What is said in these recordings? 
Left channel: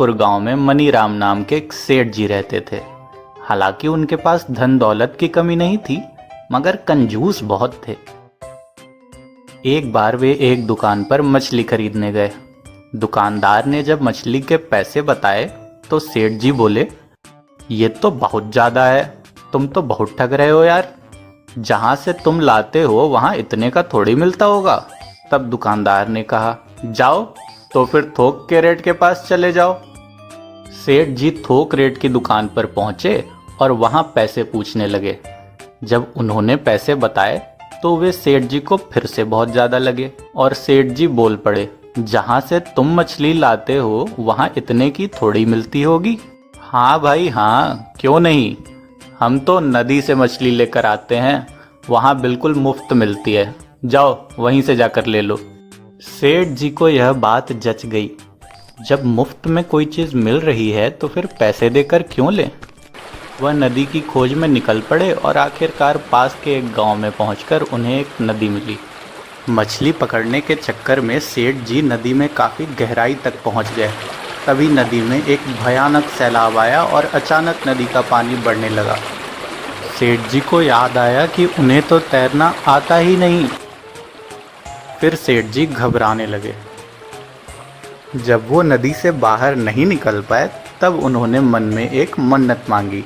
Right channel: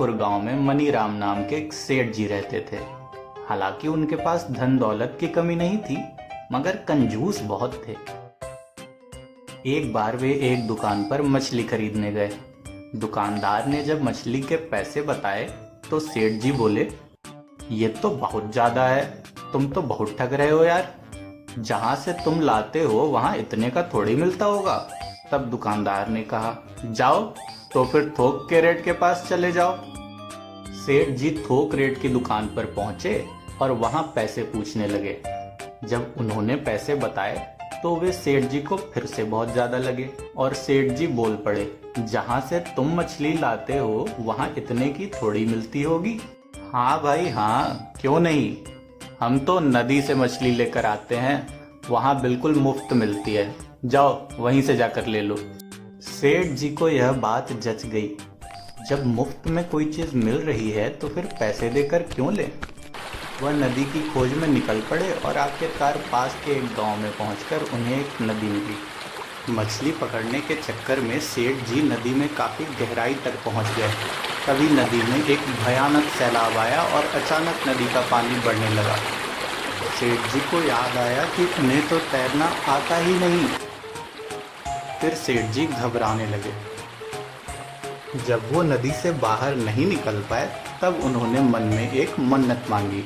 रतनपुर गांव में मनीराम नाम के एक सेठ जी रहते थे। हालांकि उनके पास धन दौलत की कमी नहीं थी, मगर कंजूस बहुत थे। एक बार वे एक दुकान पर मछली खरीदने गए। दुकानदार ने जब मछली के पैसे बताए तो सेठ जी बोले, ये तो बहुत ज्यादा है, तुम तो बहुत ठग रहे हो यार। जहां से तुम लाते हो वहां इतने का थोड़ी मिलता होगा। तब दुकानदार ने कहा, जाओ तो फिर थोक के रेट के पास चले जाओ। सेठ जी थोक रेट की दुकान पर पहुंचे और वहां पैसे पूछने लगे। जब उन्होंने पैसे बताए तो वे सेठ जी को फिर से बहुत ज्यादा लगे और सेठ जी बोल पड़े, जहां से तुम मछली लाते हो वहां इतने की थोड़ी मिलती होगी। हाँ भाई हाँ, क्यों नहीं, हम तो नदी से मछली लेकर आते हैं, वहां बिल्कुल मुफ्त मिलती है, जाओ वहीं से जाकर ले लो। सेठ जी को यह बात जच गई। जब मुफ्त में कोई चीज मिल रही है तो फिर पैसे देकर क्यों लें। वह नदी की खोज में निकल पड़े और आखिरकार पास के एक गांव में पहुंचकर उन्हें एक नदी मिली। मछली पकड़ने के चक्कर में सेठ जी नदी में काफी गहराई तक पहुंच गए। तभी नदी में एक भयानक सैलाब आया और अचानक नदी का पानी बढ़ने लगा। सेठ जी को याद आया कि उन्हें तो तैरना आता ही नहीं। फिर सेठ जी घबराने लगे। जब वो नदी से बाहर नहीं निकल पाए तब उन्होंने मन में एक मन्नत मांगी,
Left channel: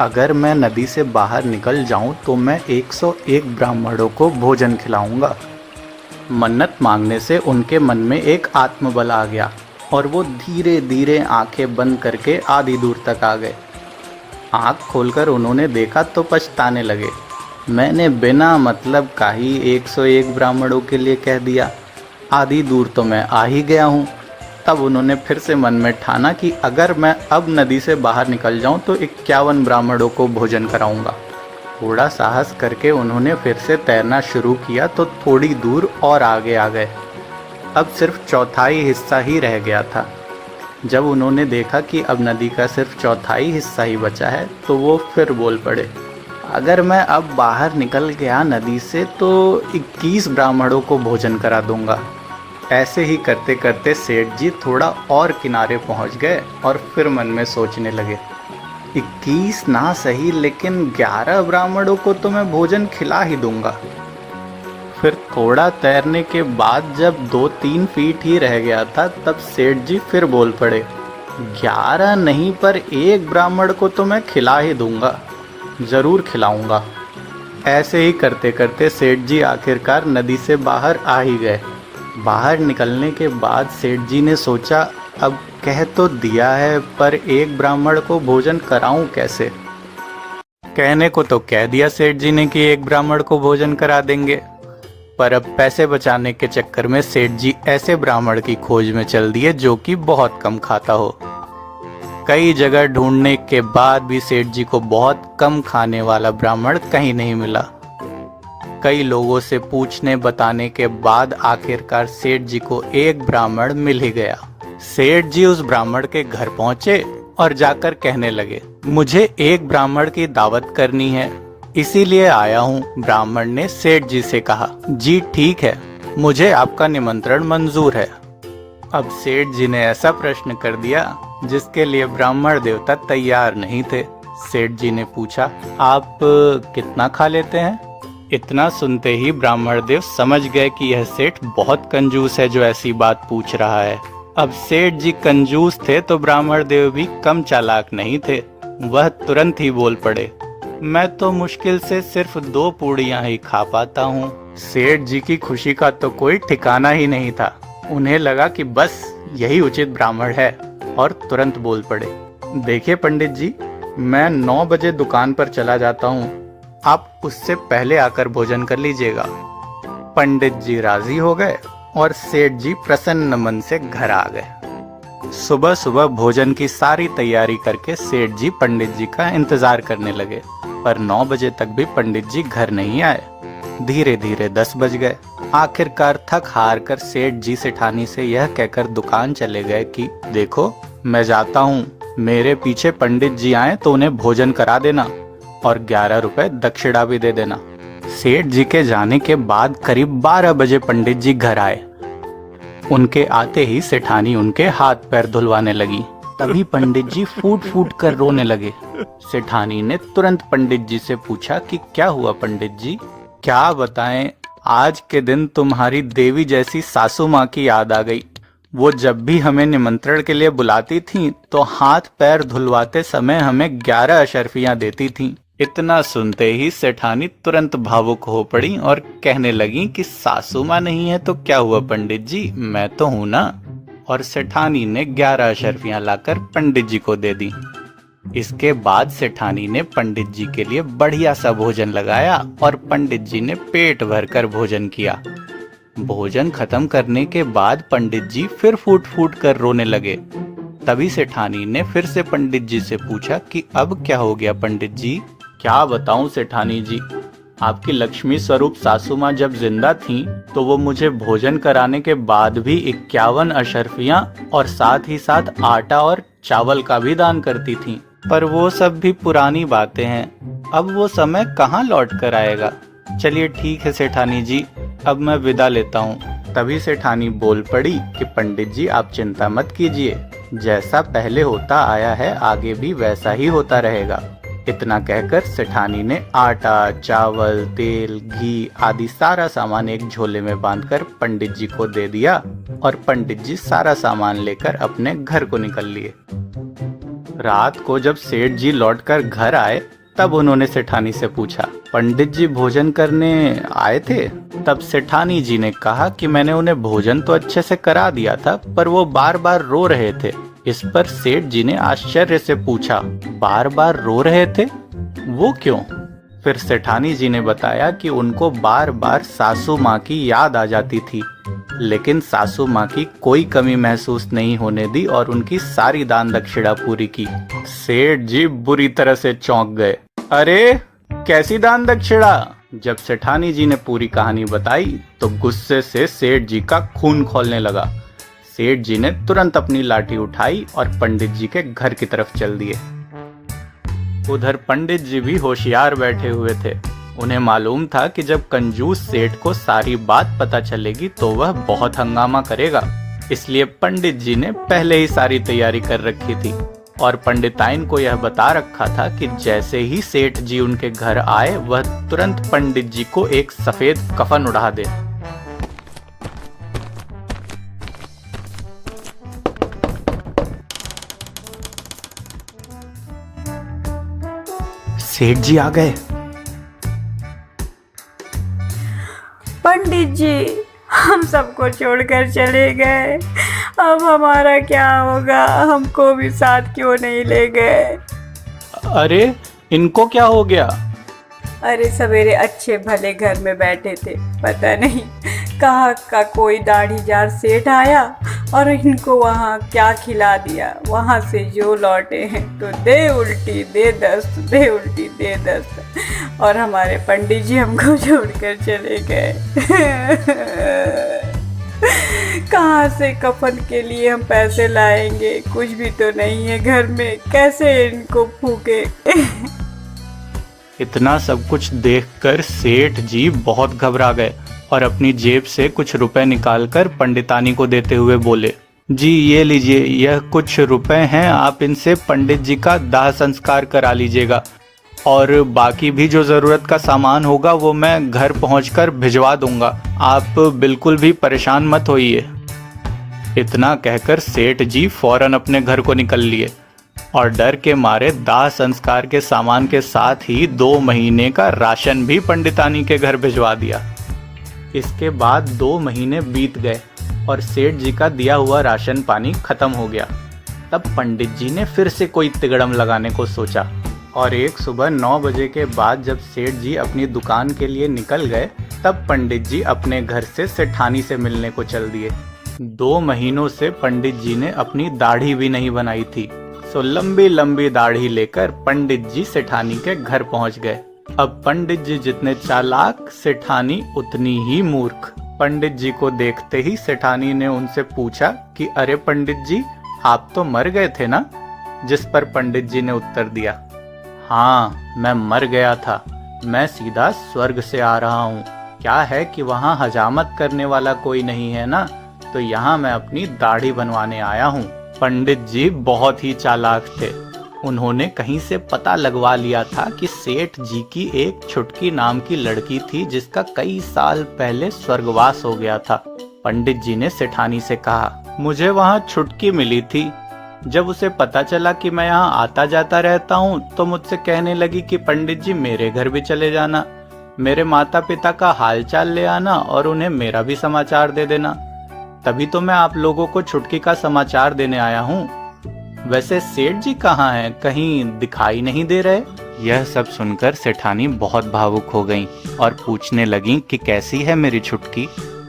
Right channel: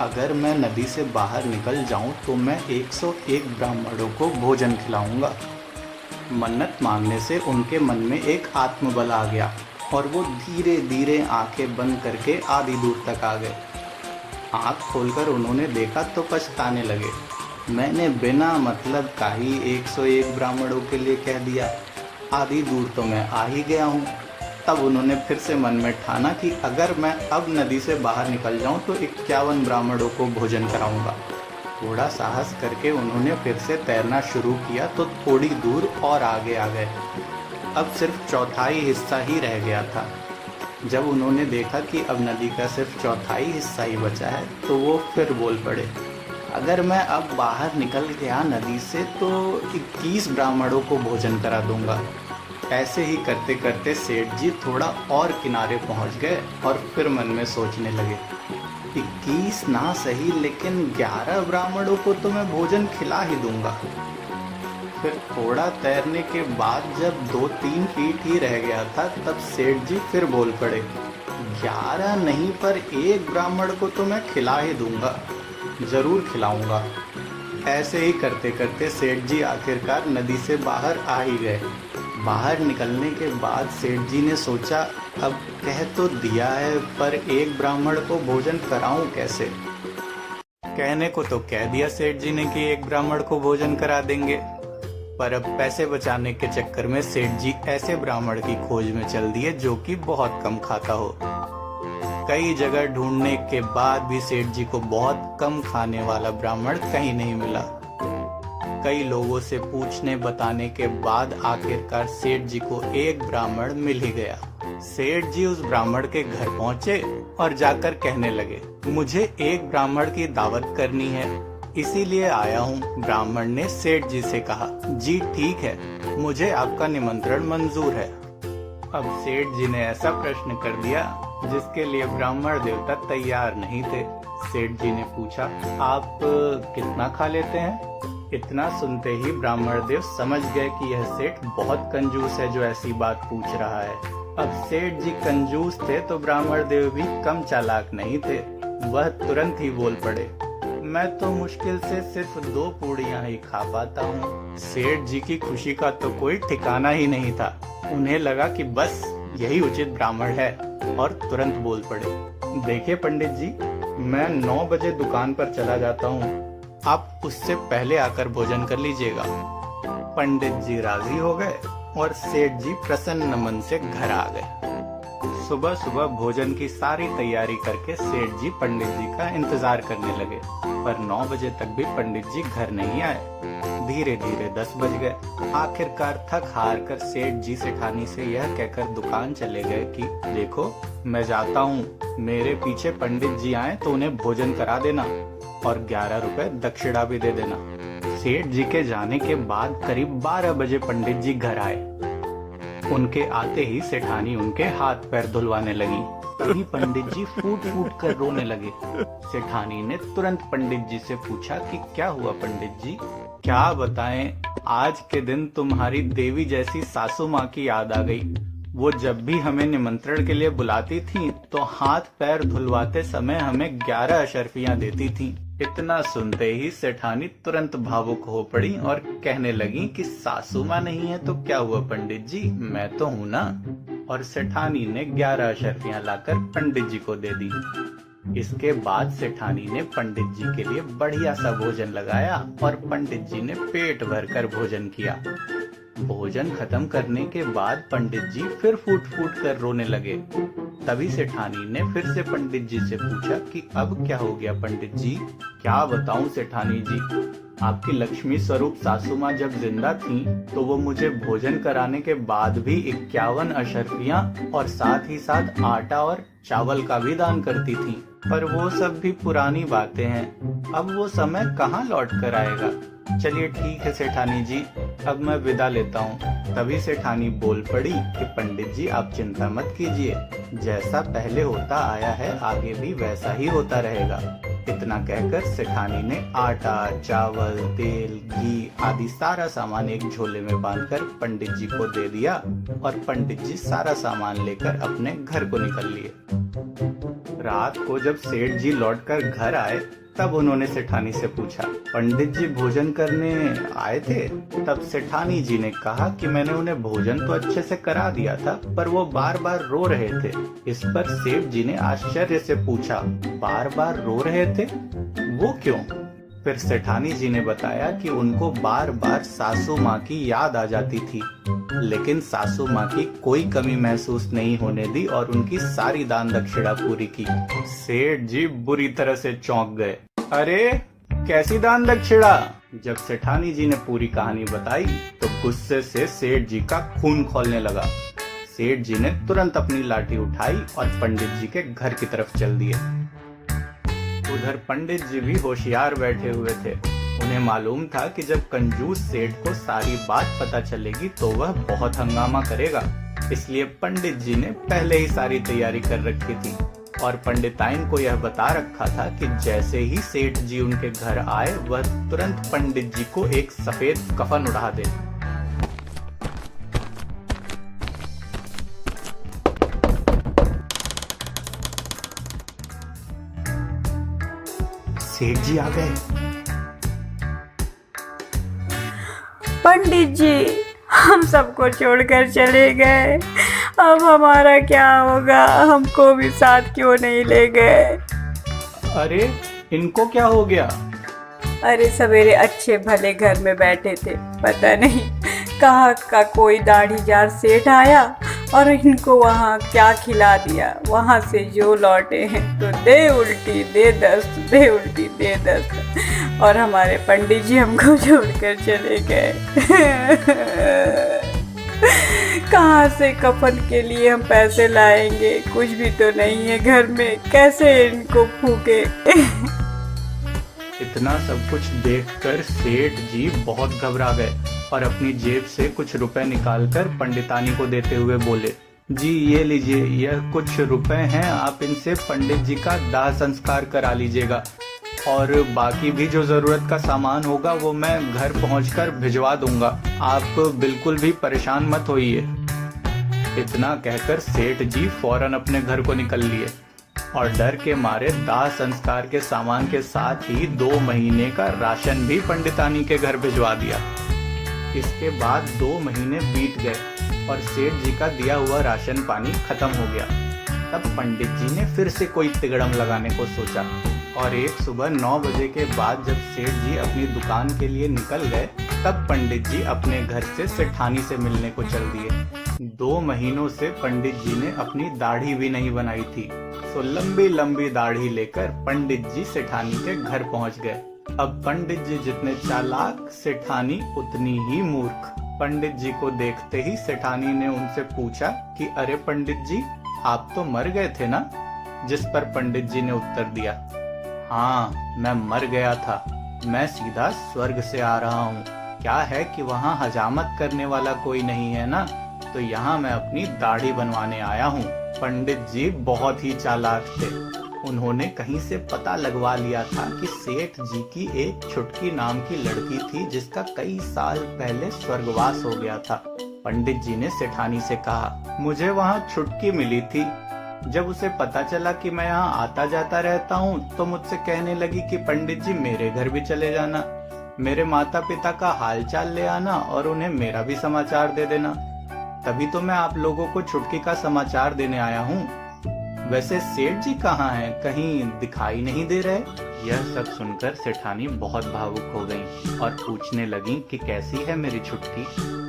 अगर मैं नदी से बाहर निकल जाऊं तो मैं 101 ब्राह्मणों को भोजन खिलाऊंगा। मन्नत मांगने से उनके मन में एक आत्मबल आ गया और वो धीरे धीरे आंखें बंद करके आधी दूर तक आ गए। आंख खोलकर उन्होंने देखा तो पछताने लगे, मैंने बिना मतलब का ही 101 ब्राह्मणों के लिए कह दिया, आधी दूर तो मैं आ ही गया हूँ। तब उन्होंने फिर से मन में ठाना कि अगर मैं अब नदी से बाहर निकल जाऊं तो 51 ब्राह्मणों को भोजन कराऊंगा। थोड़ा साहस करके उन्होंने फिर से तैरना शुरू किया तो थोड़ी दूर और आगे आ गए। अब सिर्फ चौथाई हिस्सा ही रह गया था। जब उन्होंने देखा कि अब नदी का सिर्फ चौथाई हिस्सा ही बचा है तो वो फिर बोल पड़े, अगर मैं अब बाहर निकल गया नदी से तो 21 ब्राह्मणों को भोजन करा दूंगा। ऐसे ही करते करते सेठ जी थोड़ा और किनारे पहुंच गए और फिर मन में सोचने लगे, 21 ना सही लेकिन 11 ब्राह्मणों को तो मैं भोजन खिला ही दूंगा। फिर थोड़ा तैरने के बाद जब 2-3 फीट ही रह गया था तब सेठ जी फिर बोल पड़े, 11 नहीं पर 1 ब्राह्मण को तो मैं खिला ही दूंगा, जरूर खिलाऊंगा। ऐसे ही करते करते सेठ जी आखिरकार नदी से बाहर आ ही गए। बाहर निकलने के बाद सेठ जी ने सोचा, अब कह तो दिया है पर 1 ब्राह्मण को भोजन कराऊं कैसे। कहने को तो कह दिया सेठ जी ने कि 1 ब्राह्मण को भोजन करा देंगे, पर अब पैसे बचाने के चक्कर में सेठ जी ऐसे ब्राह्मण की खोज में चल दिए जो कि बहुत कम खाता हो। कई जगह ढूंढने के बाद भी सेठ जी को बहुत कम खाने वाला ब्राह्मण कहीं नहीं मिला। कई लोगों से पूछने बताने के बाद आखिरकार सेठ जी को एक ब्राह्मण मिल ही गया। सेठ जी उस ब्राह्मण के घर पहुंचे और जाकर कहने लगे, मुझे एक ब्राह्मण की दावत करनी है, इसीलिए आया हूँ। ब्राह्मण ने सेठ जी से कहा, जी ठीक है, मुझे आपका निमंत्रण मंजूर है। अब सेठ जी ने ऐसा प्रश्न कर दिया जिसके लिए ब्राह्मण देवता तैयार नहीं थे। सेठ जी ने पूछा, आप कितना खा लेते हैं? इतना सुनते ही ब्राह्मण देव समझ गए कि यह सेठ बहुत कंजूस है जो ऐसी बात पूछ रहा है। अब सेठ जी कंजूस थे तो ब्राह्मण देव भी कम चालाक नहीं थे। वह तुरंत ही बोल पड़े, मैं तो मुश्किल से सिर्फ 2 पूड़ियां ही खा पाता हूँ। सेठ जी की खुशी का तो कोई ठिकाना ही नहीं था। उन्हें लगा कि बस यही उचित ब्राह्मण है और तुरंत बोल पड़े, देखिए पंडित जी, मैं 9 बजे दुकान पर चला जाता हूँ, आप उससे पहले आकर भोजन कर लीजिएगा। पंडित जी राजी हो गए और सेठ जी प्रसन्न मन से घर आ गए। सुबह सुबह भोजन की सारी तैयारी करके सेठ जी पंडित जी का इंतजार करने लगे, पर 9 बजे तक भी पंडित जी घर नहीं आए। धीरे धीरे 10 बज गए। आखिरकार थक हार कर सेठ जी सेठानी से यह कहकर दुकान चले गए कि देखो, मैं जाता हूँ, मेरे पीछे पंडित जी आए तो उन्हें भोजन करा देना और 11 रुपए दक्षिणा भी दे देना। सेठ जी के जाने के बाद करीब 12 बजे पंडित जी घर आए। उनके आते ही सेठानी उनके हाथ पैर धुलवाने लगी। तभी पंडित जी फूट फूट कर रोने लगे। सेठानी ने तुरंत पंडित जी से पूछा कि क्या हुआ पंडित जी? क्या बताएं, आज के दिन तुम्हारी देवी जैसी सासू माँ की याद आ गई। वो जब भी हमें निमंत्रण के लिए बुलाती थीं, तो हाथ पैर धुलवाते समय हमें 11 अशर्फियां देती थीं। इतना सुनते ही सेठानी तुरंत भावुक हो पड़ी और कहने लगी कि सासू माँ नहीं है तो क्या हुआ पंडित जी, मैं तो हूं ना। और सेठानी ने 11 अशर्फियां लाकर पंडित जी को दे दी। इसके बाद सेठानी ने पंडित जी के लिए बढ़िया सा भोजन लगाया और पंडित जी ने पेट भरकर भोजन किया। भोजन खत्म करने के बाद पंडित जी फिर फूट फूट कर रोने लगे। तभी सेठानी ने फिर से पंडित जी से पूछा कि अब क्या हो गया पंडित जी? क्या बताऊं सेठानी जी, आपकी लक्ष्मी स्वरूप सासू माँ जब जिंदा थीं, तो वो मुझे भोजन कराने के बाद भी 51 अशर्फियां और साथ ही साथ आटा और चावल का भी दान करती थीं। पर वो सब भी पुरानी बातें हैं, अब वो समय कहाँ लौट कर आएगा। चलिए ठीक है सेठानी जी, अब मैं विदा लेता हूँ। तभी सेठानी बोल पड़ी कि पंडित जी आप चिंता मत कीजिए, जैसा पहले होता आया है आगे भी वैसा ही होता रहेगा। इतना कहकर सेठानी ने आटा, चावल, तेल, घी आदि सारा सामान एक झोले में बांधकर पंडित जी को दे दिया और पंडित जी सारा सामान लेकर अपने घर को निकल लिए। रात को जब सेठ जी लौटकर घर आए, तब उन्होंने सेठानी से पूछा, पंडित जी भोजन करने आए थे? तब सेठानी जी ने कहा कि मैंने उन्हें भोजन तो अच्छे से करा दिया था, पर वो बार बार रो रहे थे। इस पर सेठ जी ने आश्चर्य से पूछा, बार बार रो रहे थे, वो क्यों? फिर सेठानी जी ने बताया कि उनको बार बार सासू माँ की याद आ जाती थी, लेकिन सासू माँ की कोई कमी महसूस नहीं होने दी और उनकी सारी दान दक्षिणा पूरी की। सेठ जी बुरी तरह से चौंक गए। अरे कैसी दान दक्षिणा? जब सेठानी जी ने पूरी कहानी बताई तो गुस्से से सेठ जी का खून खौलने लगा। सेठ जी ने तुरंत अपनी लाठी उठाई और पंडित जी के घर की तरफ चल दिए। उधर पंडित जी भी होशियार बैठे हुए थे। उन्हें मालूम था कि जब कंजूस सेठ को सारी बात पता चलेगी तो वह बहुत हंगामा करेगा, इसलिए पंडित जी ने पहले ही सारी तैयारी कर रखी थी और पंडिताइन को यह बता रखा था कि जैसे ही सेठ जी उनके घर आए, वह तुरंत पंडित जी को एक सफेद कफन उड़ा दे। सेठ जी आ गए। पंडित जी हम सबको छोड़कर चले गए, अब हमारा क्या होगा? हमको भी साथ क्यों नहीं ले गए? अरे इनको क्या हो गया? अरे सवेरे अच्छे भले घर में बैठे थे, पता नहीं कहाँ का कोई दाढ़ीदार सेठ आया और इनको वहाँ क्या खिला दिया। वहाँ से जो लौटे हैं तो दे उल्टी दे दस्त, दे उल्टी दे दस्त, और हमारे पंडित जी हमको छोड़कर चले गए। कहाँ से कफन के लिए हम पैसे लाएंगे? कुछ भी तो नहीं है घर में, कैसे इनको फूके? इतना सब कुछ देखकर सेठ जी बहुत घबरा गए और अपनी जेब से कुछ रुपए निकालकर पंडितानी को देते हुए बोले, जी ये लीजिए, यह कुछ रुपए हैं, आप इनसे पंडित जी का दाह संस्कार करा लीजिएगा और बाकी भी जो ज़रूरत का सामान होगा वो मैं घर पहुंचकर भिजवा दूंगा, आप बिल्कुल भी परेशान मत होइए। इतना कहकर सेठ जी फौरन अपने घर को निकल लिए और डर के मारे दाह संस्कार के सामान के साथ ही 2 महीने का राशन भी पंडितानी के घर भिजवा दिया। इसके बाद 2 महीने बीत गए और सेठ जी का दिया हुआ राशन पानी खत्म हो गया। तब पंडित जी ने फिर से कोई तिगड़म लगाने को सोचा और एक सुबह 9 बजे के बाद जब सेठ जी अपनी दुकान के लिए निकल गए, तब पंडित जी अपने घर से सेठानी से मिलने को चल दिए। 2 महीनों से पंडित जी ने अपनी दाढ़ी भी नहीं बनाई थी, सो लंबी लंबी दाढ़ी लेकर पंडित जी सेठानी के घर पहुंच गए। अब पंडित जी जितने चालाक, सेठानी उतनी ही मूर्ख। पंडित जी को देखते ही सेठानी ने उनसे पूछा कि अरे पंडित जी, आप तो मर गए थे ना? जिस पर पंडित जी ने उत्तर दिया, हाँ मैं मर गया था, मैं सीधा स्वर्ग से आ रहा हूँ। क्या है कि वहाँ हजामत करने वाला कोई नहीं है ना, तो यहाँ मैं अपनी दाढ़ी बनवाने आया हूँ। पंडित जी बहुत ही चालाक थे। उन्होंने कहीं से पता लगवा लिया था कि सेठ जी की एक छुटकी नाम की लड़की थी जिसका कई साल पहले स्वर्गवास हो गया था। पंडित जी ने सेठानी से कहा, मुझे वहाँ छुटकी मिली थी। जब उसे पता चला कि मैं यहाँ आता जाता रहता हूँ तो मुझसे कहने लगी कि पंडित जी मेरे घर भी चले जाना, मेरे माता पिता का हालचाल ले आना और उन्हें मेरा भी समाचार दे देना। तभी तो मैं आप लोगों को छुटकी का समाचार देने आया हूँ। वैसे सेठ जी कहाँ हैं? कहीं दिखाई नहीं दे रहे। यह सब सुनकर सेठानी बहुत भावुक हो गईं और पूछने लगीं कि कैसी है मेरी छुटकी।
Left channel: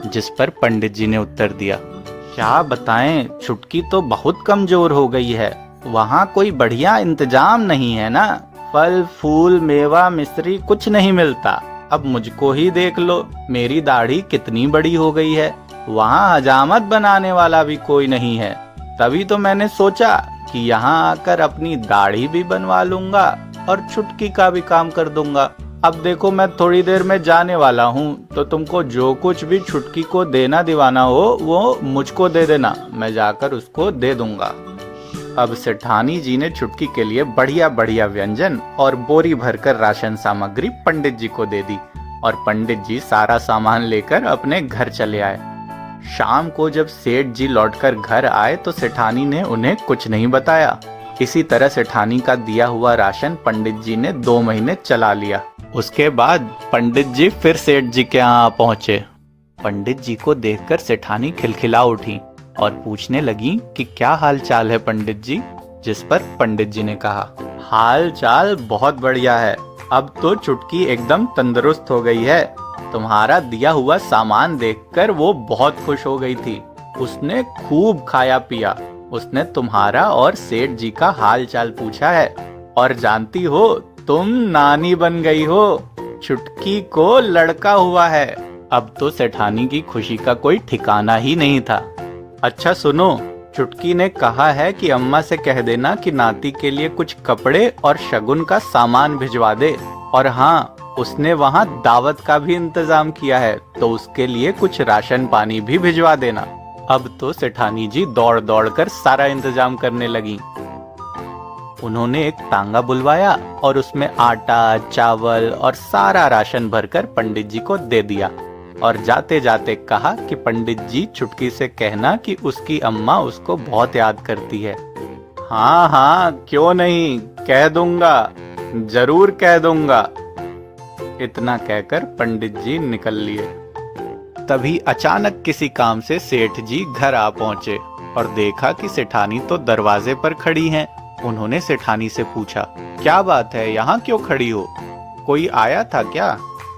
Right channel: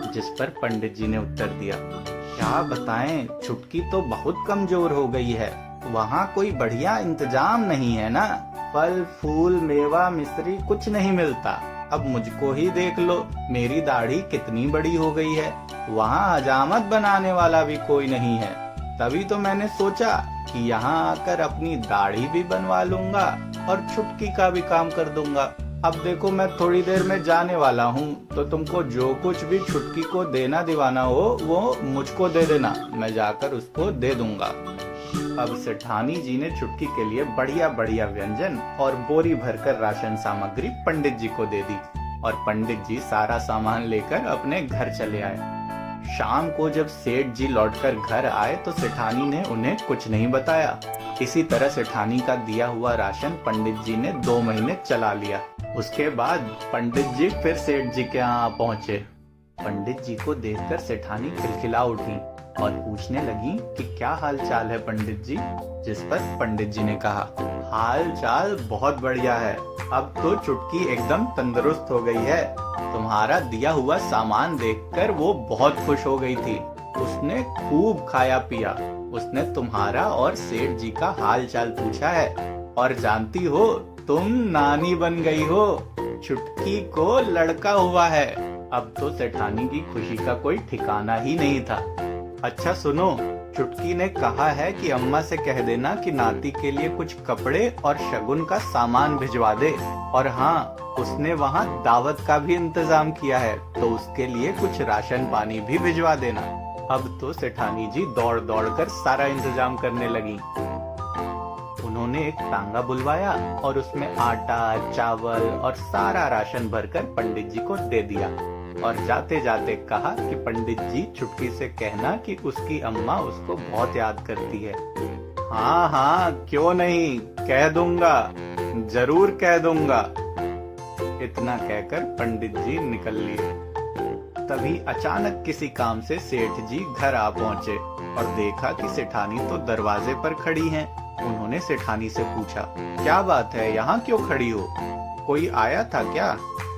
जिस पर पंडित जी ने उत्तर दिया, क्या बताएं, छुटकी तो बहुत कमजोर हो गई है। वहाँ कोई बढ़िया इंतजाम नहीं है ना, फल फूल मेवा मिश्री कुछ नहीं मिलता। अब मुझको ही देख लो, मेरी दाढ़ी कितनी बड़ी हो गई है। वहाँ हजामत बनाने वाला भी कोई नहीं है। तभी तो मैंने सोचा कि यहाँ आकर अपनी दाढ़ी भी बनवा लूंगा और छुटकी का भी काम कर दूंगा। अब देखो मैं थोड़ी देर में जाने वाला हूँ, तो तुमको जो कुछ भी छुटकी को देना दिवाना हो वो मुझको दे देना, मैं जाकर उसको दे दूंगा। अब सेठानी जी ने छुटकी के लिए बढ़िया बढ़िया व्यंजन और बोरी भरकर राशन सामग्री पंडित जी को दे दी और पंडित जी सारा सामान लेकर अपने घर चले आए। शाम को जब सेठ जी लौटकर घर आए तो सेठानी ने उन्हें कुछ नहीं बताया। इसी तरह सेठानी का दिया हुआ राशन पंडित जी ने 2 महीने चला लिया। उसके बाद पंडित जी फिर सेठ जी के यहाँ पहुँचे। पंडित जी को देखकर सेठानी खिलखिला उठी और पूछने लगी कि क्या हाल चाल है पंडित जी। जिस पर पंडित जी ने कहा, हाल चाल बहुत बढ़िया है, अब तो छुटकी एकदम तंदुरुस्त हो गई है। तुम्हारा दिया हुआ सामान देखकर वो बहुत खुश हो गई थी। उसने खूब खाया पिया। उसने तुम्हारा और सेठ जी का हाल चाल पूछा है और जानती हो तुम नानी बन गई हो। छुटकी को लड़का हुआ है। अब तो सेठानी की खुशी का कोई ठिकाना ही नहीं था। अच्छा सुनो, छुटकी ने कहा है कि अम्मा से कह देना कि नाती के लिए कुछ कपड़े और शगुन का सामान भिजवा दे। और हाँ, उसने वहाँ दावत का भी इंतजाम किया है, तो उसके लिए कुछ राशन पानी भी भिजवा देना। अब तो सेठानी जी दौड़ दौड़ कर सारा इंतजाम करने लगी। उन्होंने एक तांगा बुलवाया और उसमें आटा, चावल और सारा राशन भरकर पंडित जी को दे दिया और जाते जाते कहा कि पंडित जी छुटकी से कहना कि उसकी अम्मा उसको बहुत याद करती है। हाँ हाँ, क्यों नहीं, कह दूंगा, जरूर कह दूंगा। इतना कहकर पंडित जी निकल लिए। तभी अचानक किसी काम से सेठ जी घर आ पहुंचे और देखा कि सेठानी तो दरवाजे पर खड़ी हैं। उन्होंने सेठानी से पूछा, क्या बात है, यहाँ क्यों खड़ी हो, कोई आया था क्या?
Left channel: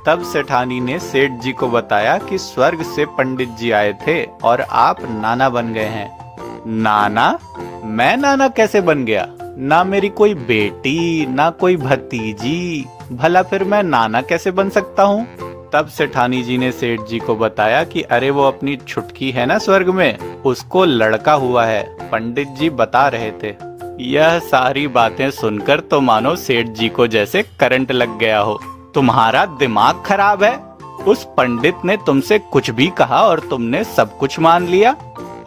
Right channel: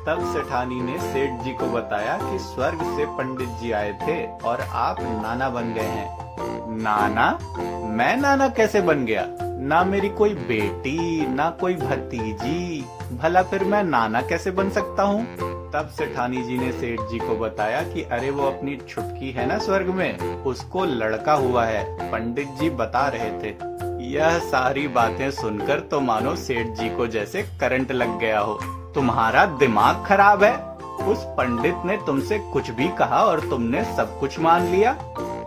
तब सेठानी ने सेठ जी को बताया कि स्वर्ग से पंडित जी आए थे और आप नाना बन गए हैं। नाना? मैं नाना कैसे बन गया? ना मेरी कोई बेटी, ना कोई भतीजी, भला फिर मैं नाना कैसे बन सकता हूँ? तब सेठानी जी ने सेठ जी को बताया कि अरे वो अपनी छुटकी है ना स्वर्ग में, उसको लड़का हुआ है, पंडित जी बता रहे थे। यह सारी बातें सुनकर तो मानो सेठ जी को जैसे करंट लग गया हो। तुम्हारा दिमाग खराब है? उस पंडित ने तुमसे कुछ भी कहा और तुमने सब कुछ मान लिया?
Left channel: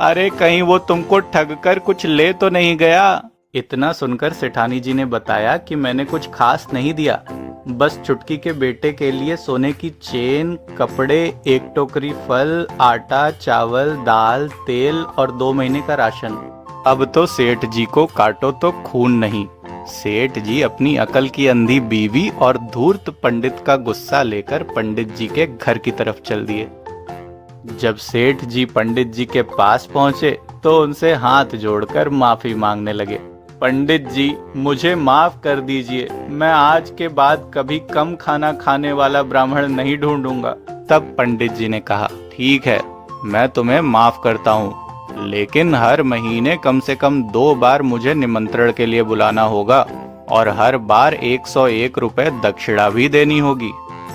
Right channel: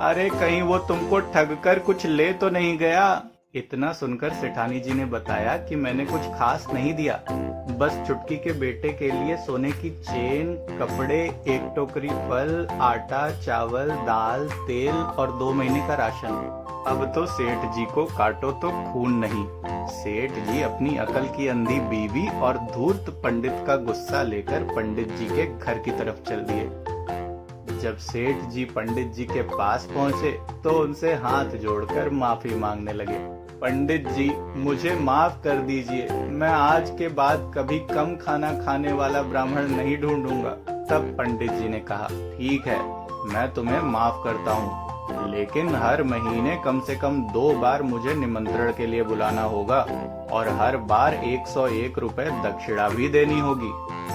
अरे कहीं वो तुमको ठग कर कुछ ले तो नहीं गया? इतना सुनकर सेठानी जी ने बताया कि मैंने कुछ खास नहीं दिया, बस चुटकी के बेटे के लिए सोने की चेन, कपड़े, 1 टोकरी फल, आटा, चावल, दाल, तेल और 2 महीने का राशन। अब तो सेठ जी को काटो तो खून नहीं। सेठ जी अपनी अकल की अंधी बीवी और धूर्त पंडित का गुस्सा लेकर पंडित जी के घर की तरफ चल दिए। जब सेठ जी पंडित जी के पास पहुंचे तो उनसे हाथ जोड़कर माफी मांगने लगे। पंडित जी, मुझे माफ कर दीजिए, मैं आज के बाद कभी कम खाना खाने वाला ब्राह्मण नहीं ढूंढूंगा। तब पंडित जी ने कहा, ठीक है, मैं तुम्हें माफ करता हूँ, लेकिन हर महीने कम से कम 2 बार मुझे निमंत्रण के लिए बुलाना होगा और हर बार 101 रुपए दक्षिणा भी देनी होगी।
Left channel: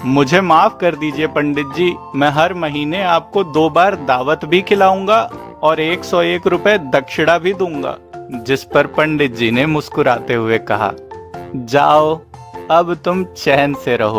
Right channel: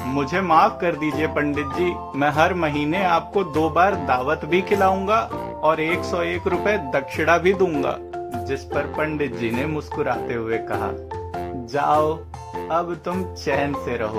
मुझे माफ कर दीजिए पंडित जी, मैं हर महीने आपको 2 बार दावत भी खिलाऊंगा और 101 रुपए दक्षिणा भी दूंगा। जिस पर पंडित जी ने मुस्कुराते हुए कहा, जाओ, अब तुम चैन से रहो।